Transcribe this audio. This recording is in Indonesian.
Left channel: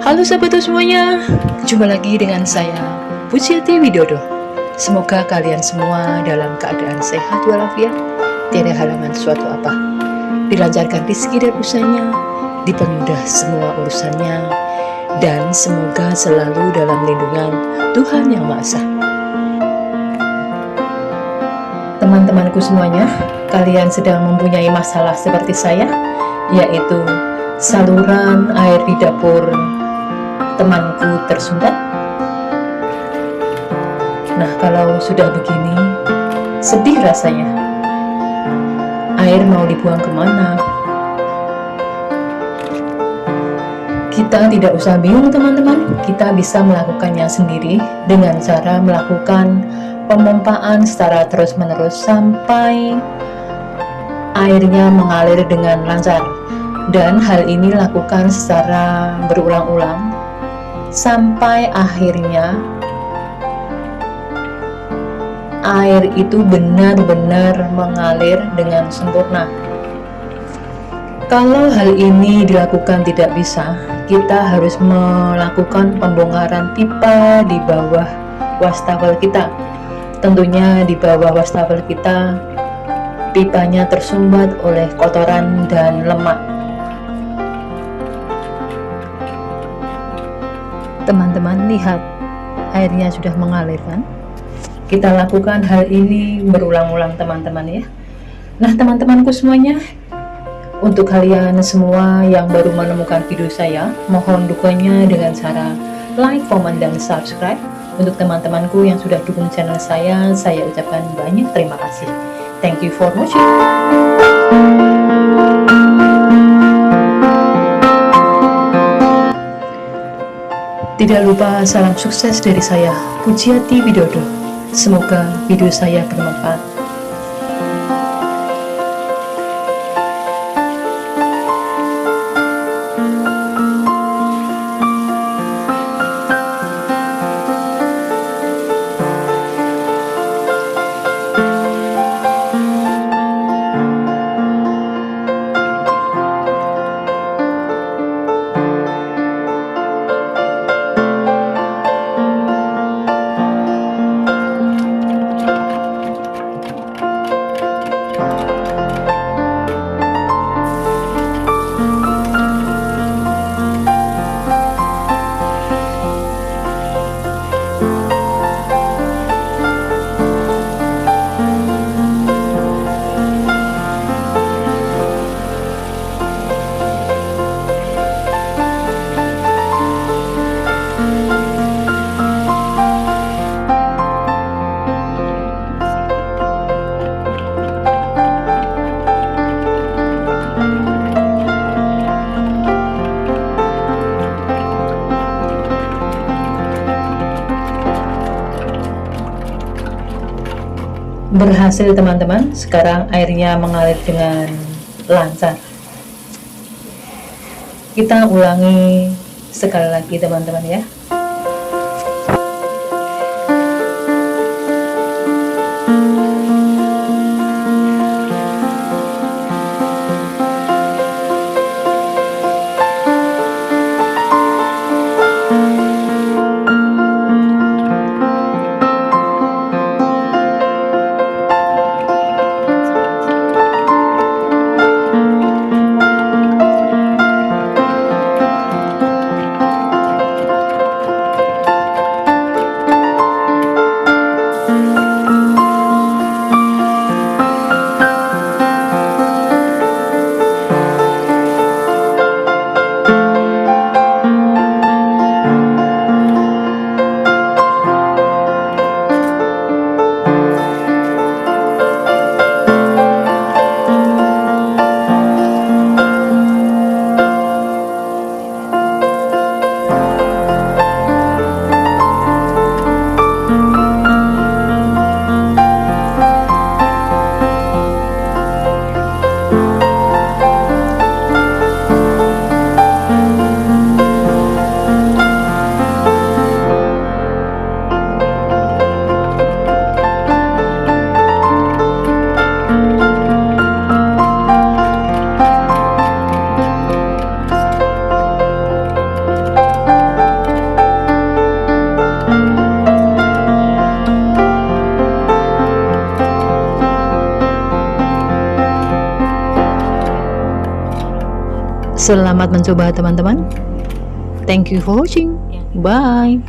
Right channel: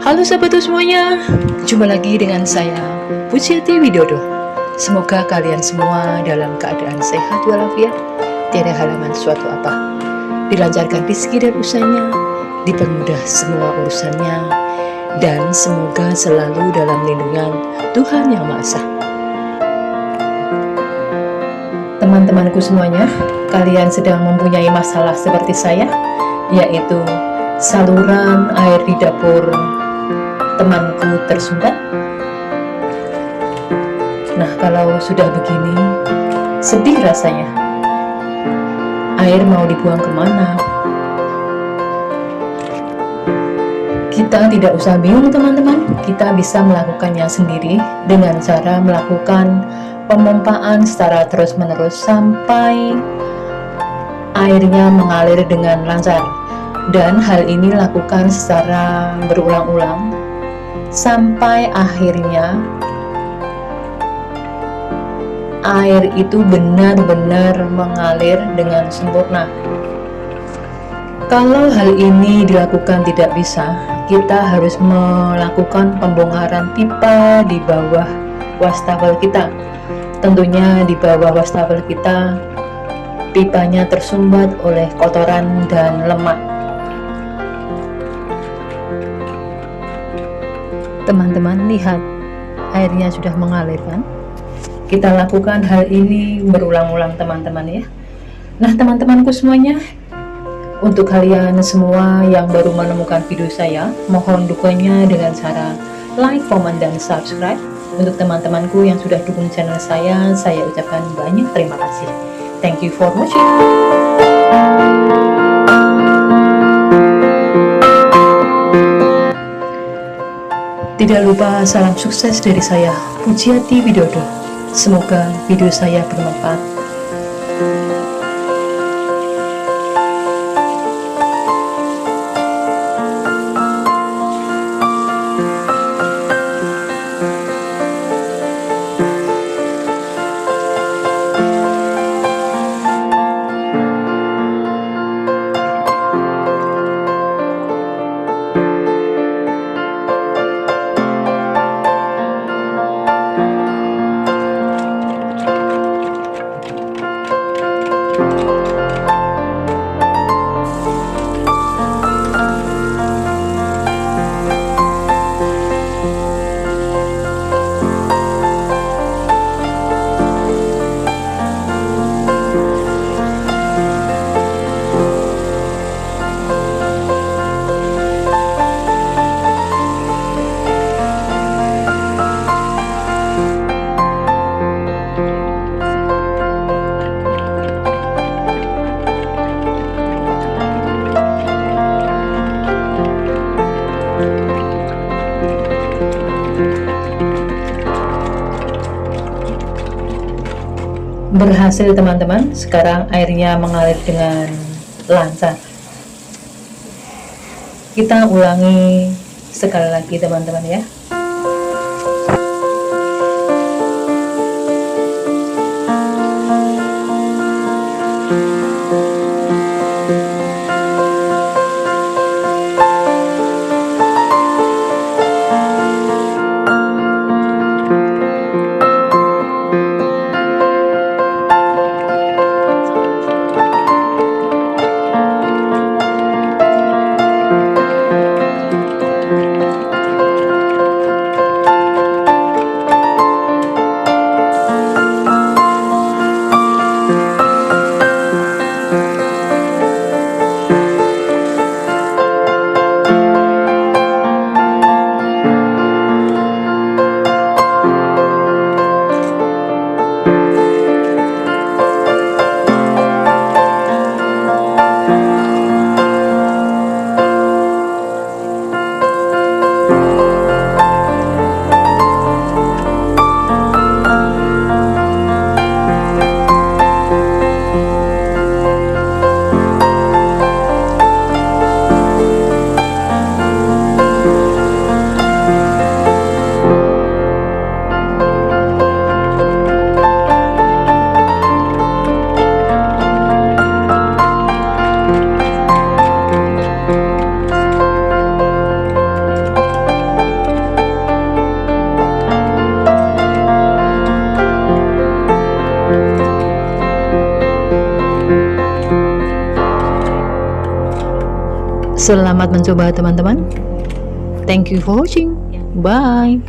Halo sahabatku semuanya, jumpa lagi dengan saya Pujiati Widodo. Semoga kalian semua dalam keadaan sehat walafiat, tiada halangan suatu apa, dilancarkan rezeki dan usahanya, dipermudah semua urusannya, dan semoga selalu dalam lindungan Tuhan Yang Maha Esa. Teman-temanku semuanya, kalian sedang mempunyai masalah seperti saya, yaitu saluran air di dapur temanku tersumbat. Nah, kalau sudah begini, sedih rasanya. Air mau dibuang kemana? Kita tidak usah bingung teman-teman, kita bisa melakukannya sendiri dengan cara melakukan pemompaan secara terus-menerus sampai airnya mengalir dengan lancar. Dan hal ini lakukan secara berulang-ulang sampai akhirnya air itu benar-benar mengalir dengan sempurna. Kalau hal ini dilakukan tidak bisa, kita harus melakukan pembongkaran pipa di bawah wastafel kita. Tentunya di bawah wastafel kita, pipanya tersumbat oleh kotoran dan lemak. Teman-teman lihat, airnya sudah mengalir kan? Kita lakukan hal ini berulang-ulang teman-teman ya. Nah teman-temanku semuanya, untuk kalian semua yang baru menemukan video saya, mohon dukungannya dengan cara like, comment, dan subscribe. Untuk teman-temanku yang sudah dukung channel saya ucapkan banyak terima kasih. Thank you for watching. Tidak lupa salam sukses dari saya, Pujiati Widodo. Semoga video saya bermanfaat. Berhasil teman-teman, sekarang airnya mengalir dengan lancar. Kita ulangi sekali lagi teman-teman ya. Selamat mencoba teman-teman. Thank you for watching. Bye.